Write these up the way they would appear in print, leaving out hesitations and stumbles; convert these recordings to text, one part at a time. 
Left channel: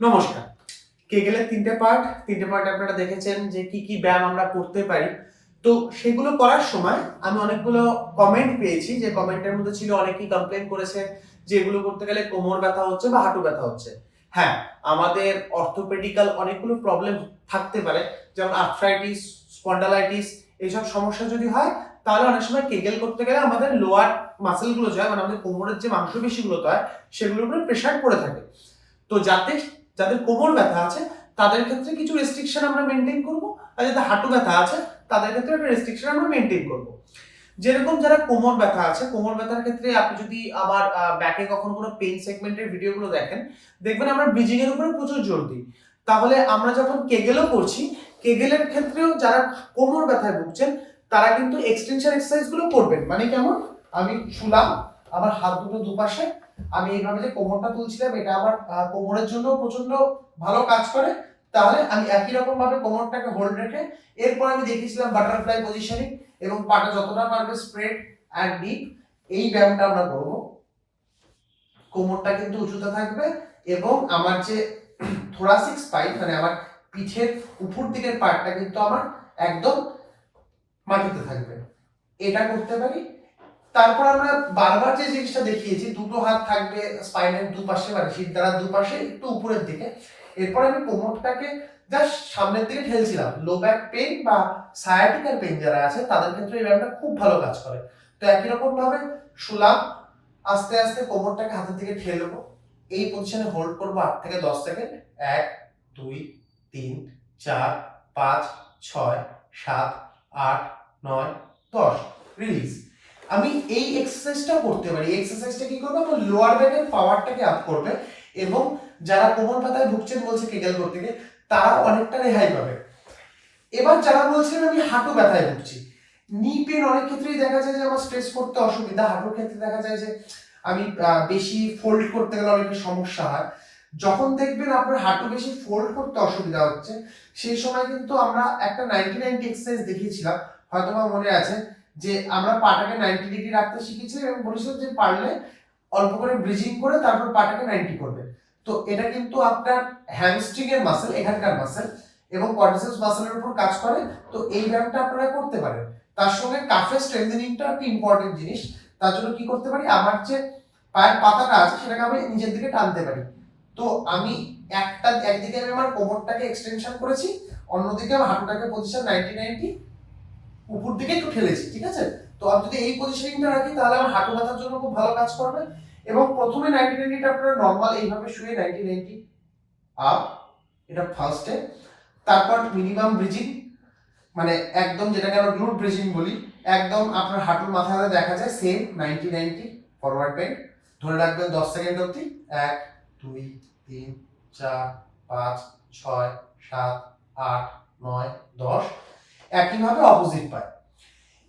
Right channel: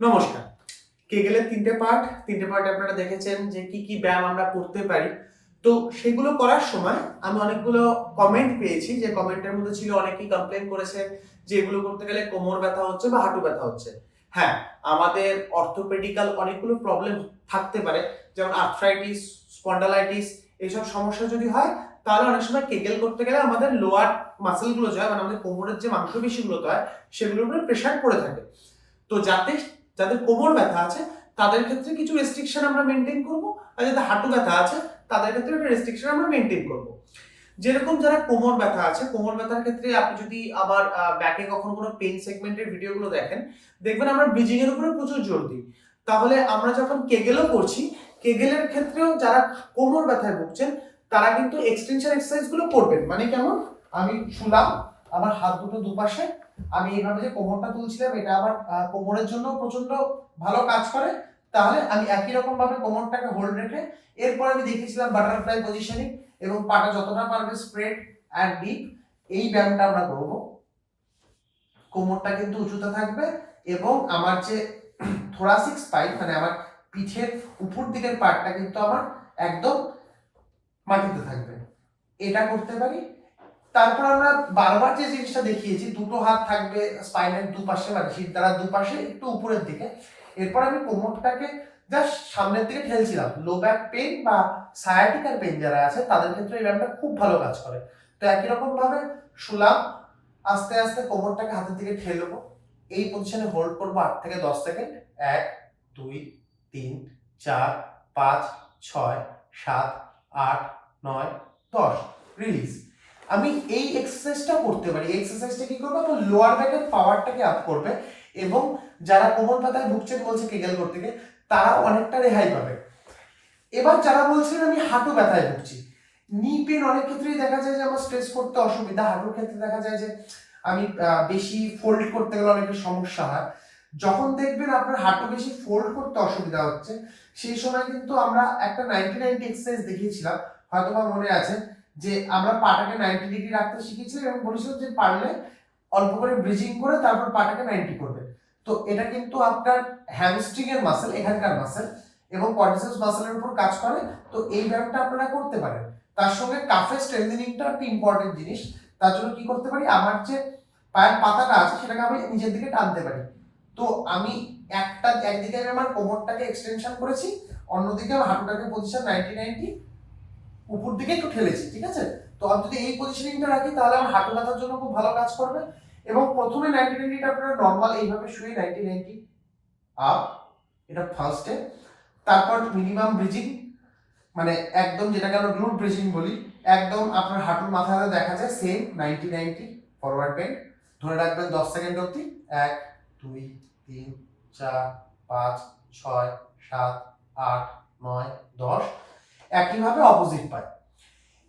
নমস্কার। কেগেলের তিনটে পার্ট আপনারা দেখেছেন যে কি কি ব্যায়াম আমরা করতে পারি। তো সেগুলো করার সময় আমি অনেকগুলো কমেন্ট পেয়েছি, যে কমেন্টের মধ্যে ছিল অনেকেই কমপ্লেন করেছে যে এগুলো করতে গেলে কোমর ব্যথা হচ্ছে বা হাঁটু ব্যথা হচ্ছে। হ্যাঁ, আমাদের অর্থোপেডিক্যাল অনেকগুলো প্রবলেম থাকতে পারে, যেমন আর্থ্রাইটিস, স্পন্ডালাইটিস, এইসব সমস্যা যদি হয় তাহলে অনেক সময় কেগেল করতে গেলে আমাদের লোয়ার মাসেলগুলো যে হয়, মানে আমাদের কোমরের যে মাংসপেশিগুলো হয় সেগুলোর উপরে প্রেশার পড়ে থাকে। তো যাদের কোমর ব্যথা আছে তাদের ক্ষেত্রে কিছু রেস্ট্রিকশন আমরা মেনটেন করব, আর যাদের হাঁটু ব্যথা আছে তাদের ক্ষেত্রে একটা রেস্ট্রিকশন আমরা মেনটেন করব। যেরকম যারা কোমর ব্যথা আছে, কোমর ব্যথার ক্ষেত্রে আপনি যদি আমার ব্যাকে কখনো কোনো পেইন সেগমেন্টের ভিডিওগুলো দেখেন, দেখবেন আমরা ব্রিজিং এর উপরে প্রচুর জোর দিই। তাহলে আমরা যখন কেগেলও করছি, কেগেলের ক্ষেত্রেও যারা কোমর ব্যথায় ভুগছেন তারা কিন্তু এক্সটেনশন এক্সারসাইজ গুলো করবেন। মানে কেমন, আমি শুলাম, আমার হাত দুটো দুপাশে, আমি এইভাবে যে কোমরটা তুলছিলাম এটা আমার কোমরের জন্য প্রচন্ড ভালো কাজ করে। তাহলে আমি একই রকম ভাবে কোমরটাকে হোল্ড রেখে এরপর আমি দেখিয়েছিলাম বাটারফ্লাই পজিশনিং, এবং পাটা যতটা পারবে স্প্রেড অ্যান্ড ডিপ, এই ব্যায়ামটা আমরা করব। কোমরটা কিন্তু উঁচুতে থাকবে এবং আমার যে থোরাসিক স্পাইন, মানে আমার পিঠের উপর দিকের পার্টটা কিন্তু আমার একদম মাটিতে থাকবে। এটা করতে পারি। তারপর আমরা বারবার যে জিনিসটা দেখিয়েছি, দুটো হাত থাকবে স্পাইনের দুপাশে, মানে শিরদাঁড়ার দুপাশে একটু উপরের দিকে। এরপর আমি কোমরটাকে জাস্ট সামনের দিকে ঠেলছিলাম। লো ব্যাক পেইন বা সায়াটিকার পেইন যারা আছে তাদের ক্ষেত্রে এই ব্যায়ামটা খুব ভালো কাজ করে। তো একই রকম ভাবে শুলাম, আস্তে আস্তে কোমরটাকে হাতের দিকে ঠেলবো, এই পজিশনে হোল্ড করবো 8 থেকে 10 সেকেন্ড। 1 2 3 4 5 6 7 8 9 10, রিলিজ। আমি এই এক্সারসাইজটা করতে পারি। এই এক্সারসাইজটা কি করবে, আমার লোয়ার ব্যাকের পাওয়ারটাকে আপ করবে, এবং যারা কোমর ব্যথায় ভুগছেন বলছে কেগেল করতে গিয়ে, তারা অনেকটা রেহাই পাবে। এবার যারা বলছেন আমি হাঁটু ব্যথায় ভুগছি, নি পেন অনেক ক্ষেত্রেই দেখা যায় যে আমার স্ট্রেস করতে অসুবিধা, হাঁটুর ক্ষেত্রে দেখা যায় যে আমি বেশি ফোল্ড করতে গেলে অনেকের সমস্যা হয়। যখন দেখবেন আপনার হাঁটু বেশি ফোল্ড করতে অসুবিধা হচ্ছে, সেই সময় কিন্তু আমরা একটা 90-90 এক্সারসাইজ দেখিয়েছিলাম, হয়তো আমার মনে আছে, যে আমরা পাটাকে 90 ডিগ্রি রাখতে শিখেছিলাম এবং বলেছিলাম যে পারলে অল্প করে ব্রিজিং করে তারপর পাটাকে 90 করবে। তো এটা কিন্তু আপনার হ্যামস্ট্রিং এর মাসেল, এখানকার মাসেল, এবং কোয়াড্রিসেপস মাসেলের উপর কাজ করে। তো এই ব্যায়ামটা আপনারা করতে পারেন। তার সঙ্গে কাফের স্ট্রেংথেনিংটা একটা ইম্পর্টেন্ট জিনিস। তার জন্য কি করতে পারি, আমার যে পায়ের পাতাটা আছে সেটাকে আমি নিজের দিকে টানতে পারি। তো আমি একদিকে আমি আমার কোমরটাকে এক্সটেনশন করেছি, অন্যদিকে আমার হাঁটুটাকে পজিশন 90-90 উপর দিকে একটু ঠেলেছি, ঠিক আছে? তো আমি যদি এই পজিশনিংটা রাখি তাহলে আমার হাঁটু ব্যথার জন্য খুব ভালো কাজ করবে। এবং প্রথমে 90-90টা আপনারা নর্মাল এইভাবে শুয়ে 90-90 আপ, এটা ফার্স্ট স্টেপ। তারপর মিনিমাম ব্রিজিং, মানে একদম যেটাকে আমরা গ্লুট ব্রিজিং বলি, একদম আপনার হাঁটুর মাথায় দেখা যায় সেম 90-90 ফরওয়ার্ড বেন্ড, ধরে রাখবেন 10 সেকেন্ড অবধি। 1 2 3 4 5 6 7 8 9 10, একইভাবে অপোজিট পায়।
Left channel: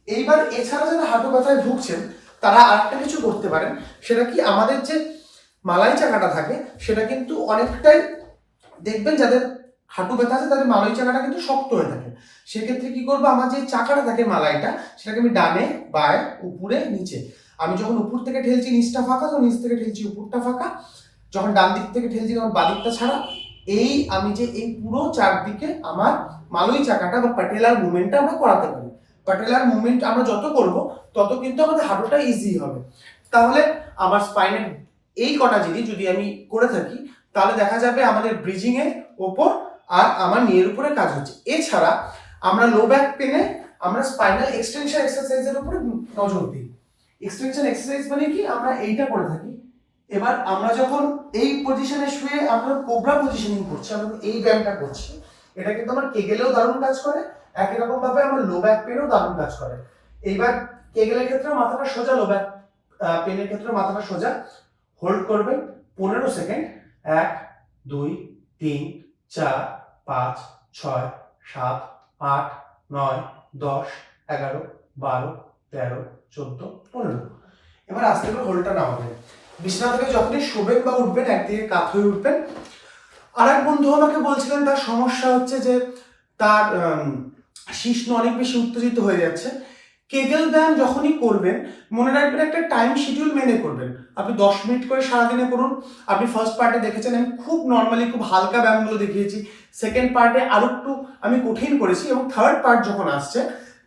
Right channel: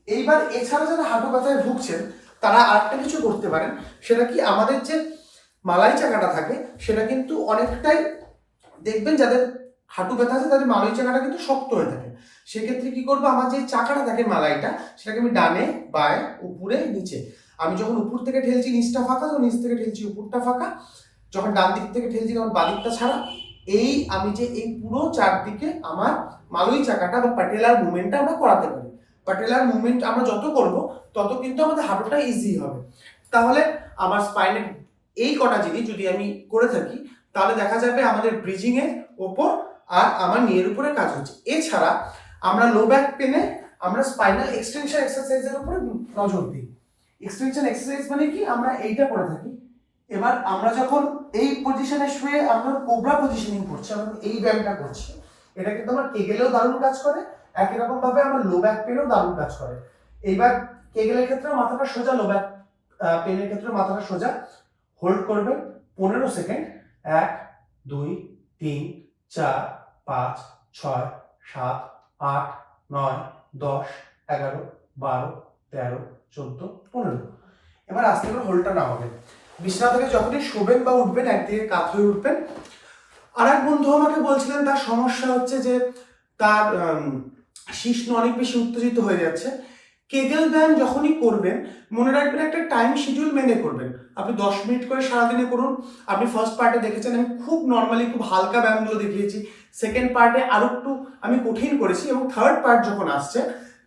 এইবার এছাড়া যারা হাঁটু ব্যথায় ভুগছেন তারা আরেকটা কিছু করতে পারেন। সেটা কি, আমাদের যে মালাই চাকাটা থাকে সেটা কিন্তু অনেকটাই, দেখবেন যাদের হাঁটু ব্যথা আছে তাদের মালাই চাকাটা কিন্তু শক্ত হয়ে থাকে। সেক্ষেত্রে কি করবো, আমার যে চাকাটা থাকে মালাইটা, সেটাকে আমি ডানে বায়ে উপরে নিচে, আমি যখন উপর থেকে ঠেলছি নিচটা ফাঁকা, যখন নিচ থেকে ঠেলছি উপরটা ফাঁকা, যখন ডান দিক থেকে ঠেলছি তখন বাদিকটা ছাড়া, এই আমি যে এই পুরো চারদিকে আমার মালই চাকাটা বা প্যাটেলার মুভমেন্টটা আমরা করাতে পারি। প্যাটেলার মুভমেন্ট আমরা যত করব তত কিন্তু আমাদের হাঁটুটা ইজি হবে। তাহলে আমার স্পাইনের এই কটা জিনিস যদি আমি করে থাকি তাহলে দেখা যাবে আমাদের ব্রিজিং এর ওপর আর আমার নিয়ের উপরে কাজ হচ্ছে। এছাড়া আমরা লো ব্যাক পেনে আমরা স্পাইনাল এক্সটেনশন এক্সারসাইজের উপরে নজর দিই। এক্সটেনশন এক্সারসাইজ মানে কি, আমরা এইটা করে থাকি। এবার আমরা যখন এই পজিশনে শুয়ে আমরা কোবরা পজিশনিং করছি, আমরা এই ব্যায়ামটা করছি, এটা কিন্তু আমার কেগেলেও দারুণ কাজ করে, একই রকম ভাবে আমার লো ব্যাক পেনেও দারুণ কাজ করে। এইবার কেগেলের ক্ষেত্রে মাথাটা সোজা, লো ব্যাক পেনের ক্ষেত্রে মাথাটা সোজা, হোল্ড করবেন 15 সেকেন্ড। 1 2 3 4 5 6 7 8 9 10 11 12 13 14 15। এবার আস্তে করে হোল্ডটা নামাবেন। বিছানা থেকে যখনই শোবেন বা উঠবেন একদিকে কাত হয়ে উঠবেন। আর এক বন্ধু আমাকে বলছিলেন তার সমস্যা হচ্ছে যে তার শিশ্ন অনেক বেশি উত্তেজিত হয়ে যাচ্ছে, কেগেল ব্যায়াম যখনই করবেন মনে রাখবেন একটা টাইম শিডিউল মেনে করবেন। আপনি 10 মিনিট করে সারাদিনে করুন। আপনি ফার্স্ট পার্টে দেখেছেন আমি খুব নর্মালি খুব হালকা ব্যায়ামগুলো দেখিয়েছি, সেকেন্ড পার্টে আরো একটু আমি কঠিন করেছি, এবং থার্ড পার্ট যখন আসছে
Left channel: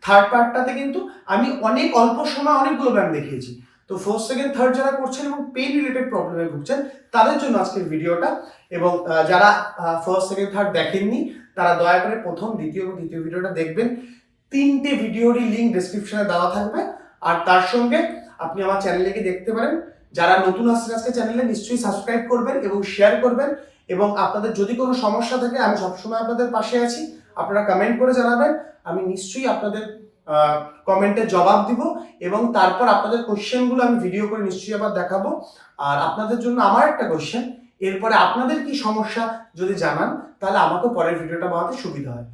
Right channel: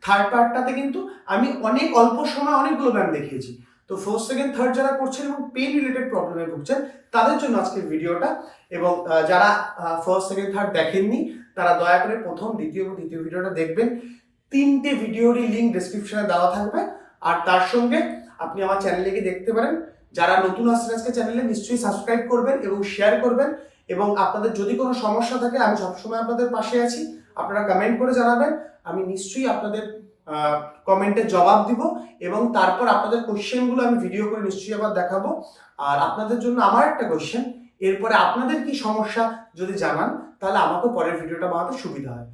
থার্ড পার্টটাতে কিন্তু আমি অনেক অল্প সময় অনেকগুলো ব্যায়াম দেখিয়েছি। তো ফার্স্ট সেকেন্ড থার্ড যারা করছেন এবং পেইন রিলেটেড প্রবলেমে ভুগছেন তাদের জন্য আজকের ভিডিওটা, এবং যারা ফার্স্ট সেকেন্ড থার্ড দেখেননি তারা দয়া করে প্রথম, দ্বিতীয় এবং তৃতীয় ভিডিওটা দেখবেন। 3টে ভিডিওরই লিঙ্ক ডেসক্রিপশনে দেওয়া থাকবে। আর তার সঙ্গে আপনি আমার চ্যানেলে গিয়ে দেখতে পারেন। যারা নতুন আসছেন আজকে চ্যানেলে নিশ্চয়ই সাবস্ক্রাইব করবেন এবং শেয়ার করবেন, এবং আপনাদের যদি কোনো সমস্যা থাকে আমি সবসময় আপনাদের পাশে আছি। আপনারা কমেন্ট করে জানাবেন, আমি নিশ্চয়ই আপনাদের কমেন্টে জবাব দিব, এবং তারপর আপনাদের কোশ্চেনগুলো আমি ভিডিও করে নিশ্চয়ই আবার দেখাবো। আর আপনাদের জন্য আমার একটা কোশ্চেন, এরপরে আপনাদের কি সমস্যা যদি জানান তাহলে আমাকে পরের ভিডিওটা বানাতে সুবিধা হয়।